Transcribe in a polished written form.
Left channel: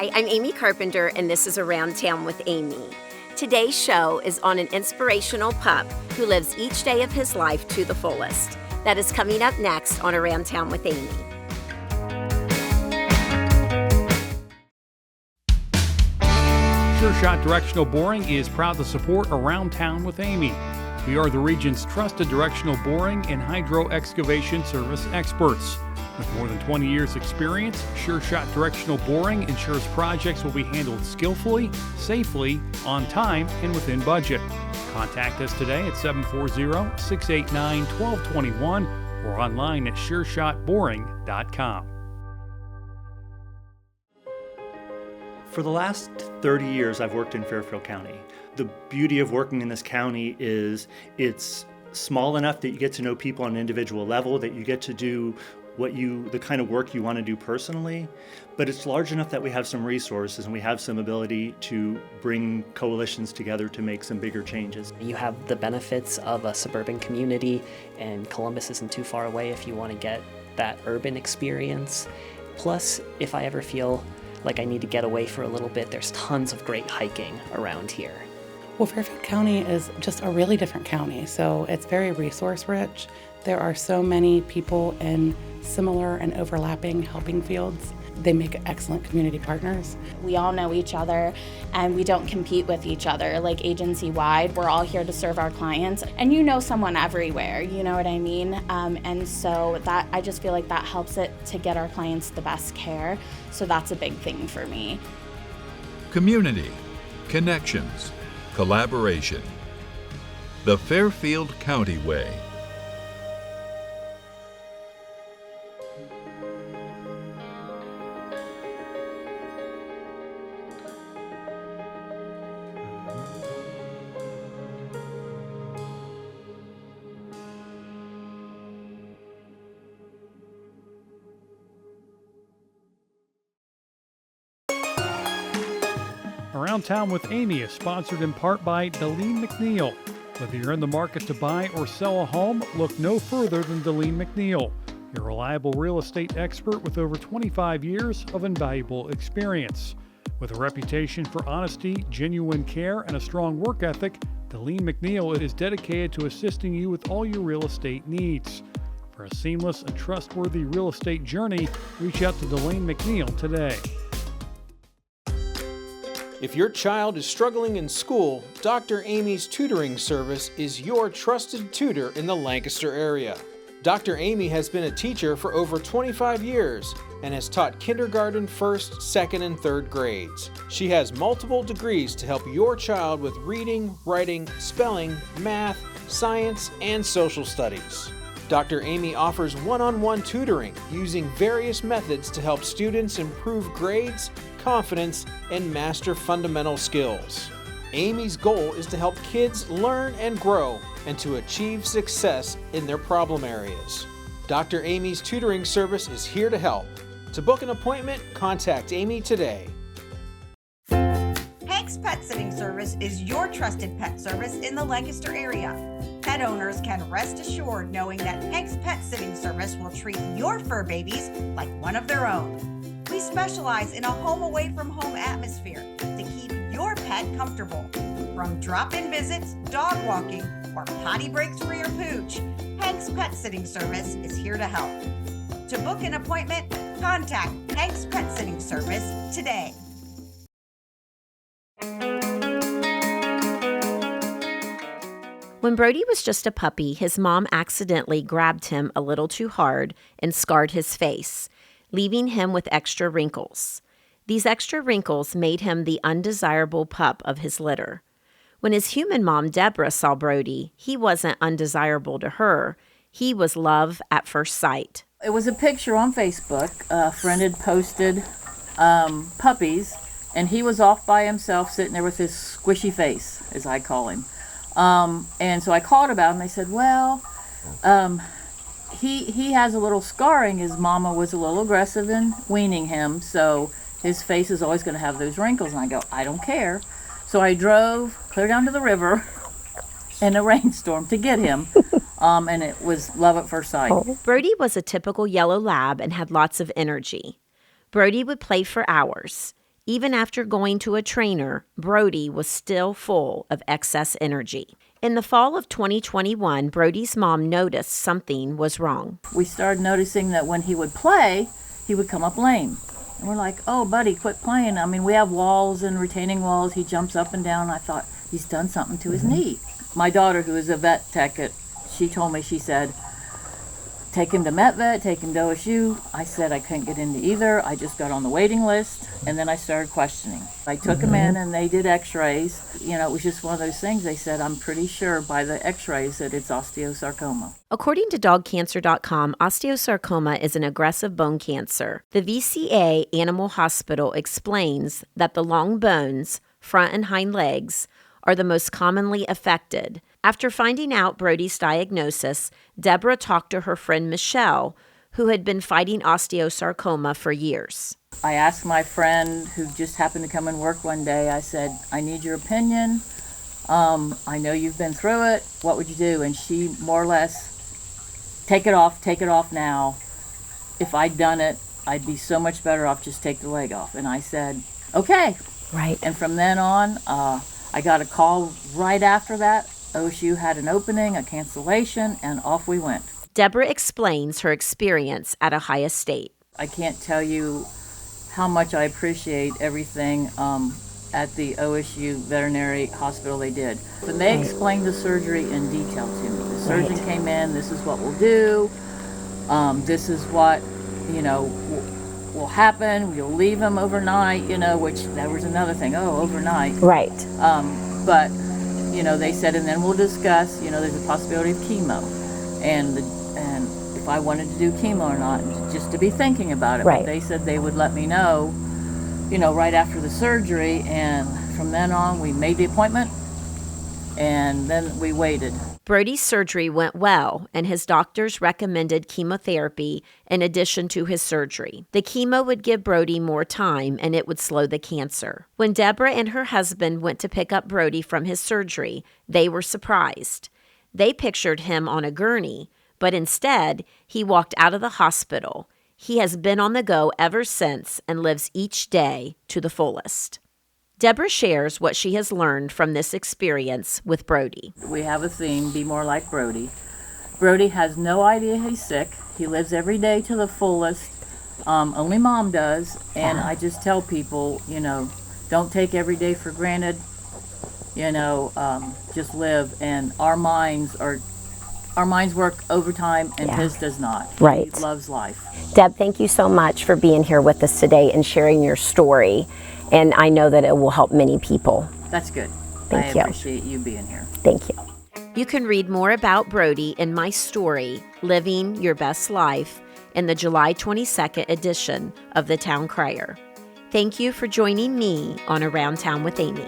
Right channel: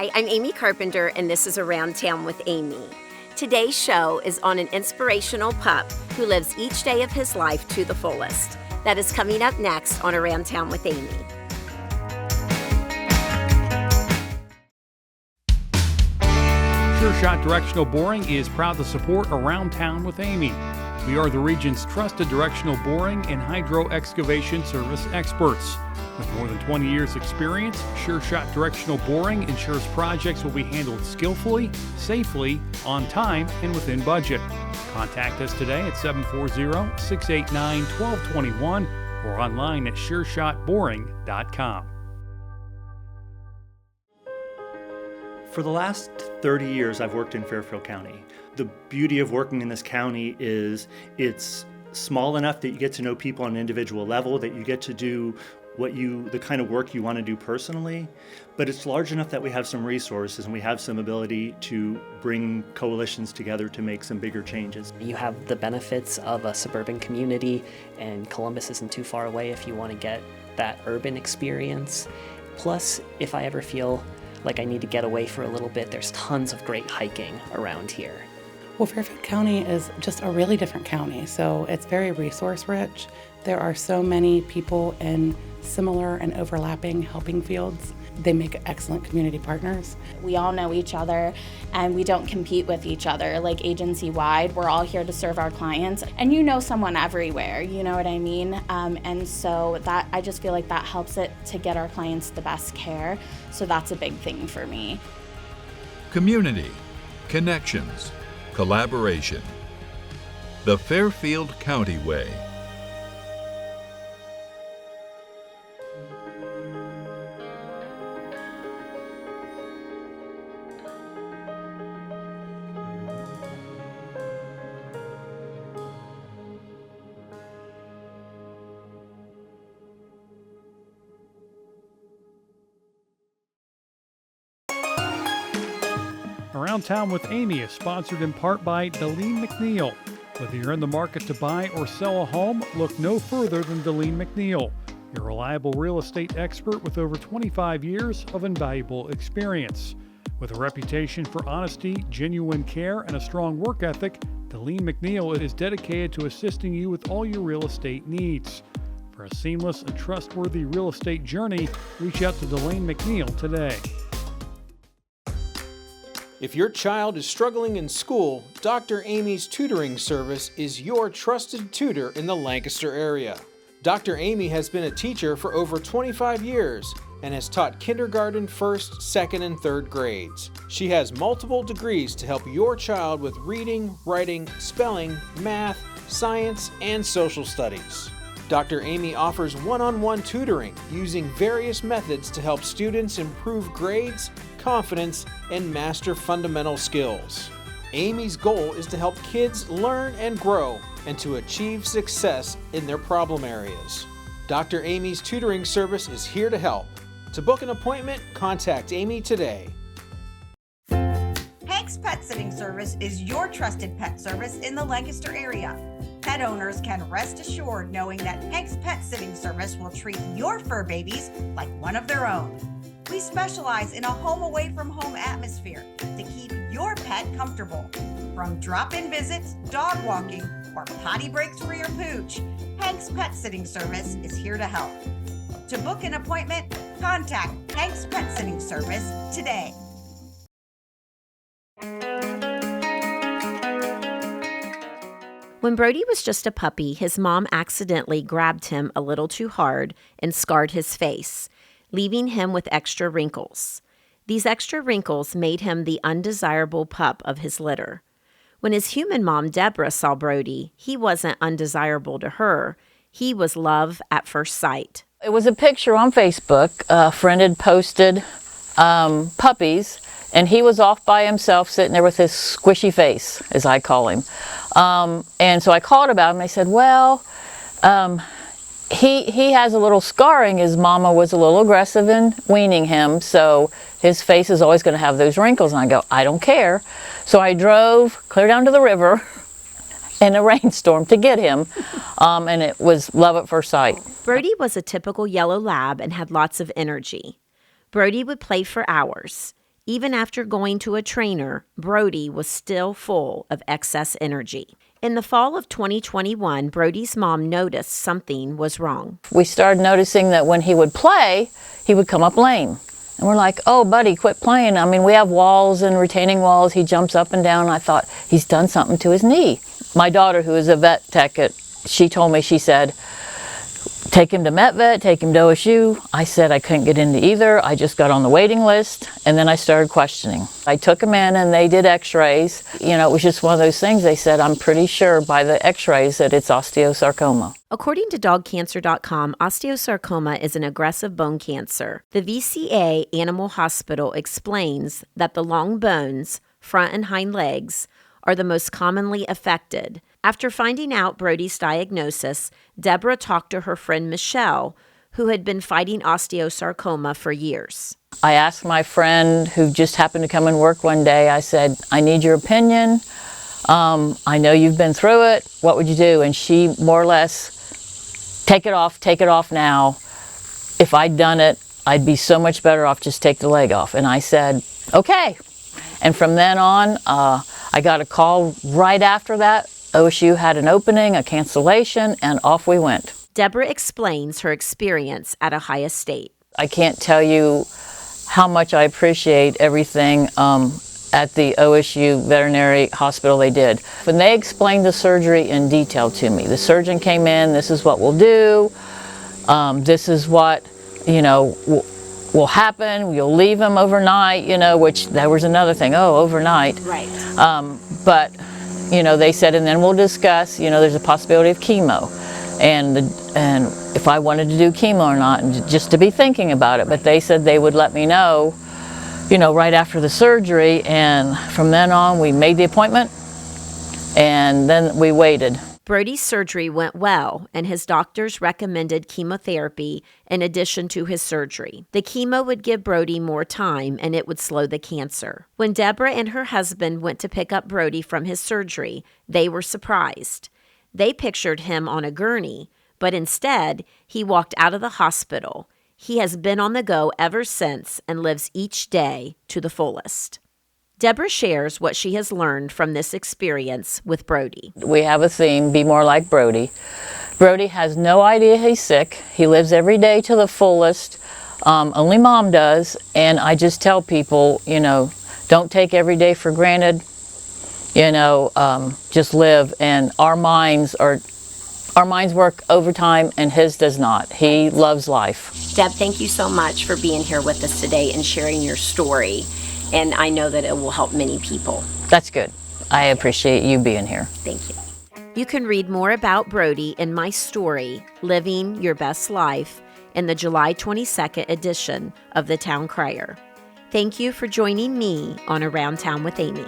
Hi, I'm Amy Carpenter, and this is Around Town with Amy. Today's show is on an inspirational pup who lives each day of his life to the fullest. That is coming up next on Around Town with Amy. Sure Shot Directional Boring is proud to support Around Town with Amy. We are the region's trusted directional boring and hydro excavation service experts. With more than 20 years experience, Sure Shot Directional Boring ensures projects will be handled skillfully, safely, on time, and within budget. Contact us today at 740-689-1221 or online at sureshotboring.com. For the last 30 years, I've worked in Fairfield County. The beauty of working in this county is it's small enough that you get to know people on an individual level, that you get to do the kind of work you want to do personally, but it's large enough that we have some resources and we have some ability to bring coalitions together to make some bigger changes. You have the benefits of a suburban community, and Columbus isn't too far away if you want to get that urban experience. Plus, if I ever feel like I need to get away for a little bit, there's tons of great hiking around here. Well, Fairfield County is just a really different county, so it's very resource rich. There are so many people in similar and overlapping helping fields. They make excellent community partners. We all know each other and we don't compete with each other. Like agency-wide, we're all here to serve our clients, and you know someone everywhere, you know what I mean? And so that, I just feel like that helps it to get our clients the best care. So that's a big thing for me. Community, connections, collaboration. The Fairfield County Way. Around Town with Amy is sponsored in part by Deline McNeil. Whether you're in the market to buy or sell a home, look no further than Deline McNeil, your reliable real estate expert with over 25 years of invaluable experience. With a reputation for honesty, genuine care, and a strong work ethic, Deline McNeil is dedicated to assisting you with all your real estate needs. For a seamless and trustworthy real estate journey, reach out to Deline McNeil today. If your child is struggling in school, Dr. Amy's tutoring service is your trusted tutor in the Lancaster area. Dr. Amy has been a teacher for over 25 years and has taught kindergarten, first, second, and third grades. She has multiple degrees to help your child with reading, writing, spelling, math, science, and social studies. Dr. Amy offers one-on-one tutoring using various methods to help students improve grades, confidence, and master fundamental skills. Amy's goal is to help kids learn and grow and to achieve success in their problem areas. Dr. Amy's tutoring service is here to help. To book an appointment, contact Amy today. Hank's Pet Sitting Service is your trusted pet service in the Lancaster area. Pet owners can rest assured knowing that Hank's Pet Sitting Service will treat your fur babies like one of their own. We specialize in a home away from home atmosphere to keep your pet comfortable. From drop-in visits, dog walking, or potty breaks for your pooch, Hank's Pet Sitting Service is here to help. To book an appointment, contact Hank's Pet Sitting Service today. When Brody was just a puppy, his mom accidentally grabbed him a little too hard and scarred his face, leaving him with extra wrinkles. These extra wrinkles made him the undesirable pup of his litter. When his human mom, Debra, saw Brody, he wasn't undesirable to her. He was love at first sight. It was a picture on Facebook. A friend had posted puppies, and he was off by himself sitting there with his squishy face, as I call him. And so I called about him. I said, well, he has a little scarring. His mama was a little aggressive in weaning him, so his face is always going to have those wrinkles. And I go, I don't care. So I drove clear down to the river in a rainstorm to get him, and it was love at first sight. Brody was a typical yellow lab and had lots of energy. Brody would play for hours. Even after going to a trainer, Brody was still full of excess energy. In the fall of 2021, Brody's mom noticed something was wrong. We started noticing that when he would play, he would come up lame. And we're like, oh, buddy, quit playing. I mean, we have walls and retaining walls. He jumps up and down. I thought, he's done something to his knee. My daughter, who is a vet tech, she told me, she said, take him to MetVet, take him to OSU. I said I couldn't get into either. I just got on the waiting list, and then I started questioning. I took him in, and they did x-rays. You know, it was just one of those things. They said, I'm pretty sure by the x-rays that it's osteosarcoma. According to dogcancer.com, osteosarcoma is an aggressive bone cancer. The VCA Animal Hospital explains that the long bones, front and hind legs, are the most commonly affected. After finding out Brody's diagnosis, Debra talked to her friend Michelle, who had been fighting osteosarcoma for years. I asked my friend who just happened to come and work one day, I said, I need your opinion. I know you've been through it. What would you do? And she more or less, take it off now. If I'd done it, I'd be so much better off, just take the leg off. And I said, okay. Right. And from then on, I got a call right after that. OSU had an opening, a cancellation, and off we went. Debra explains her experience at Ohio State. I can't tell you how much I appreciate everything at the OSU Veterinary Hospital they did. When they explained the surgery in detail to me, the surgeon came in, this is what we'll do, this is what, you know, will happen, you'll leave him overnight, you know, which that was another thing, overnight. Right. But, you know, they said, and then we'll discuss, you know, there's a possibility of chemo. And if I wanted to do chemo or not, and just to be thinking about it. Right. But they said they would let me know, you know, right after the surgery. And from then on, we made the appointment, and then we waited. Brody's surgery went well, and his doctors recommended chemotherapy in addition to his surgery. The chemo would give Brody more time, and it would slow the cancer. When Debra and her husband went to pick up Brody from his surgery, they were surprised. They pictured him on a gurney, but instead, he walked out of the hospital. He has been on the go ever since and lives each day to the fullest. Debra shares what she has learned from this experience with Brody. We have a theme, be more like Brody. Brody has no idea he's sick. He lives every day to the fullest. Only mom does. And I just tell people, you know, don't take every day for granted. You know, just live. And our minds work overtime, and his does not. He loves life. Deb, thank you so much for being here with us today and sharing your story. And I know that it will help many people. That's good. I appreciate you being here. Thank you. You can read more about Brody in my story, Living Your Best Life, in the July 22nd edition of the Town Crier. Thank you for joining me on Around Town with Amy.